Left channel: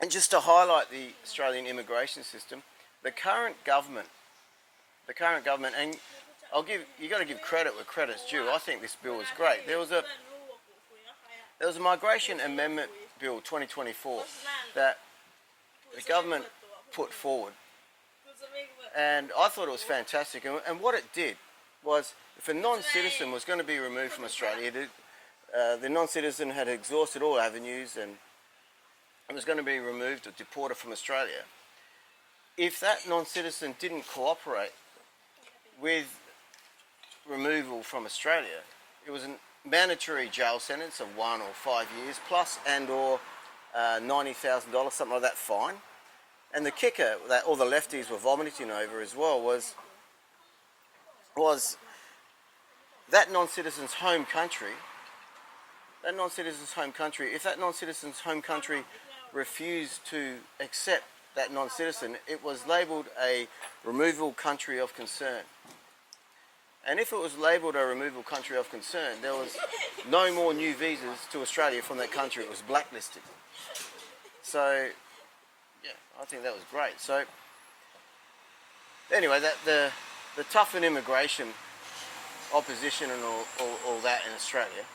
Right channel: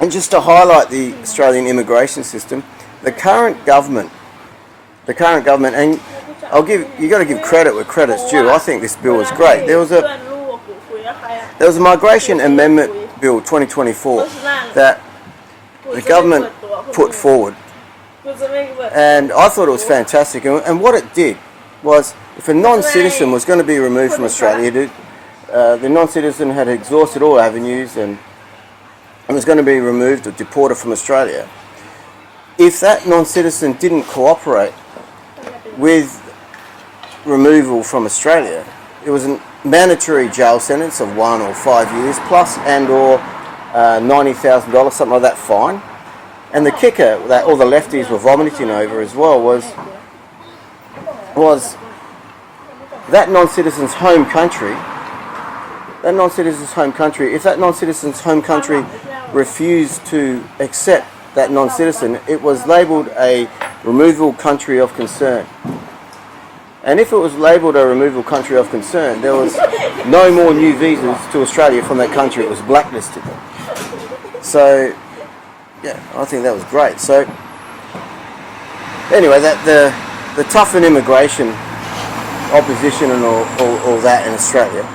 And just to highlight the Australian immigration system, the current government, and you got to give credit where credit's due. I think this bill is great. There was a migration amendment bill 2024 that the government put forward, and I thought it was fantastic. And what it did was, if a non-citizen was going to be removed from Australia, the non-citizen had exhausted all avenues and was going to be removed or deported from Australia. If that non-citizen didn't cooperate with removal from Australia, it was a mandatory jail sentence of 1 or 5 years plus or $90,000, something like that, fine. And the kicker that all the lefties were vomiting over as well was that non-citizen's home country. If that non-citizen's home country refused to accept that non-citizen, it was labelled a removal country of concern. And if it was labelled a removal country of concern, there was no more new visas to Australia from that country. It was blacklisted. So, yeah, I think that was great. So, anyway, the toughen immigration opposition and all that in Australia.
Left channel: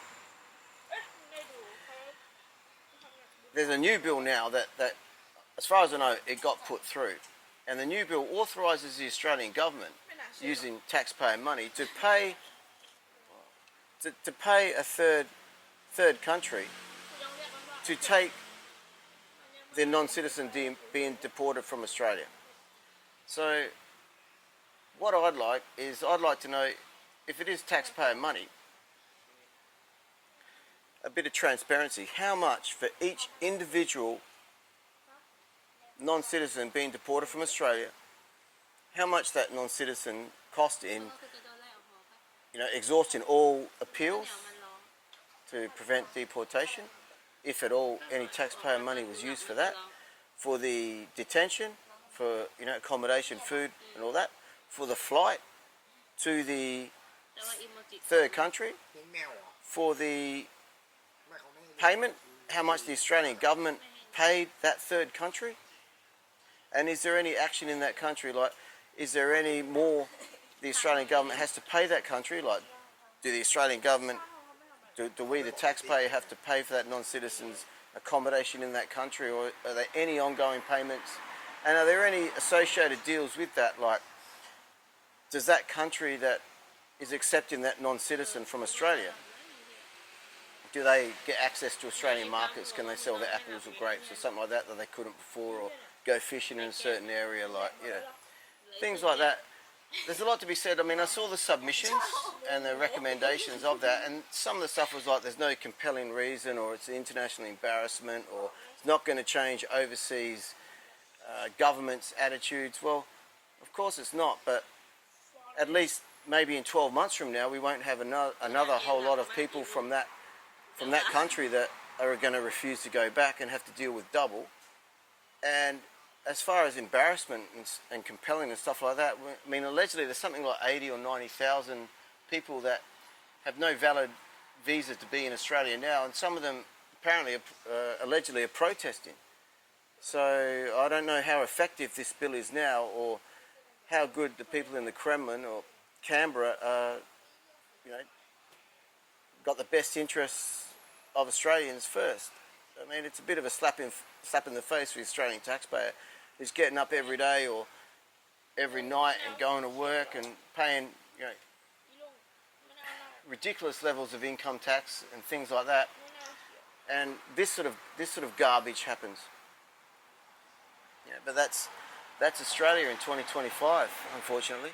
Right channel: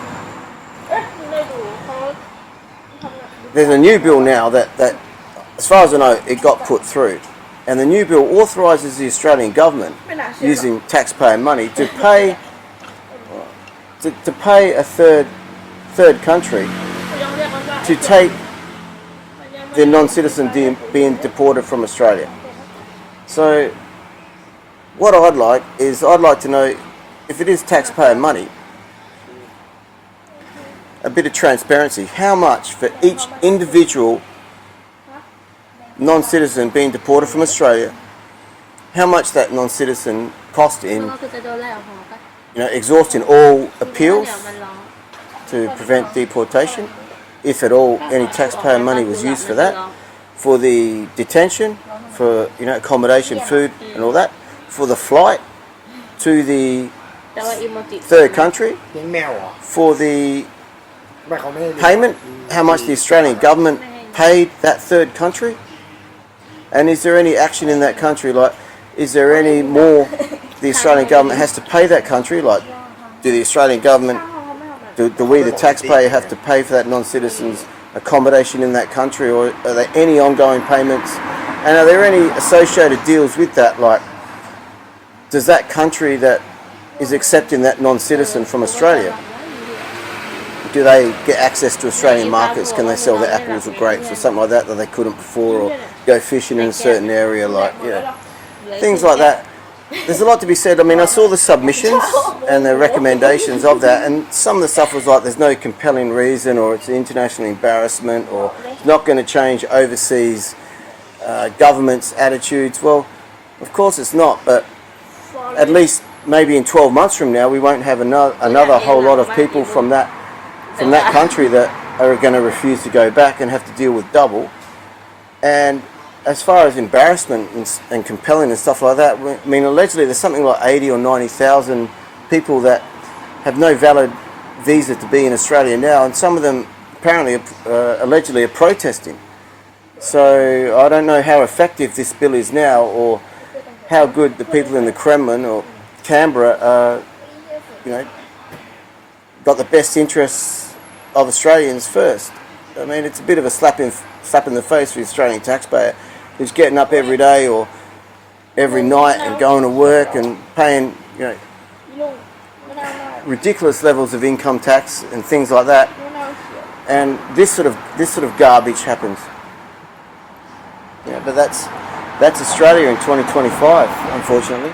There's a new bill now that, as far as I know, it got put through. And the new bill authorises the Australian government, using taxpayer money, to pay a third country to take the non-citizen being deported from Australia. So what I'd like to know, if it is taxpayer money, a bit of transparency. How much for each individual non-citizen being deported from Australia, how much that non-citizen cost in, exhausting all appeals to prevent deportation, if at all any taxpayer money was used for that, for the detention, for accommodation, food and all that, for the flight to the third country, for the payment, how much the Australian government paid that third country, and is there any action in that country? Like, is there any more the Australian government has to pay that country? Like, do the Australian government, do we the taxpayer have to pay for that non-citizen's accommodation in that country, or are there any ongoing payments? And are there any associated deals with that? Like, does that country that is accepting that non-citizen from Australia, do they get access to Australian markets? Can they sell their apples or grapes or something like that they couldn't before, or go fishing in a certain area, like, things like that. There's a lot to be said. I mean, I saw the submissions and the recommendations of that, and some of the stuff was like, there's no compelling reason, or it's an international embarrassment, or it's not going to change overseas governments' attitudes. Well, of course it's not, but at least maybe in 12 months from now, we won't have another whole lot of people from that country that are going to refuse to go back and have to deal with double. And as far as embarrassment and compelling and stuff like that, I mean, allegedly there's something like 80 or 90,000 people that have no valid visa to be in Australia now, and some of them apparently allegedly are protesting. So I don't know how effective this bill is now, or how good the people in the Kremlin or Canberra are, got the best interests of Australians first. I mean, it's a bit of a slap in the face for the Australian taxpayer, who's getting up every day or every night and going to work and paying, ridiculous levels of income tax and things like that. And this sort of garbage happens. But that's Australia in 2025, unfortunately.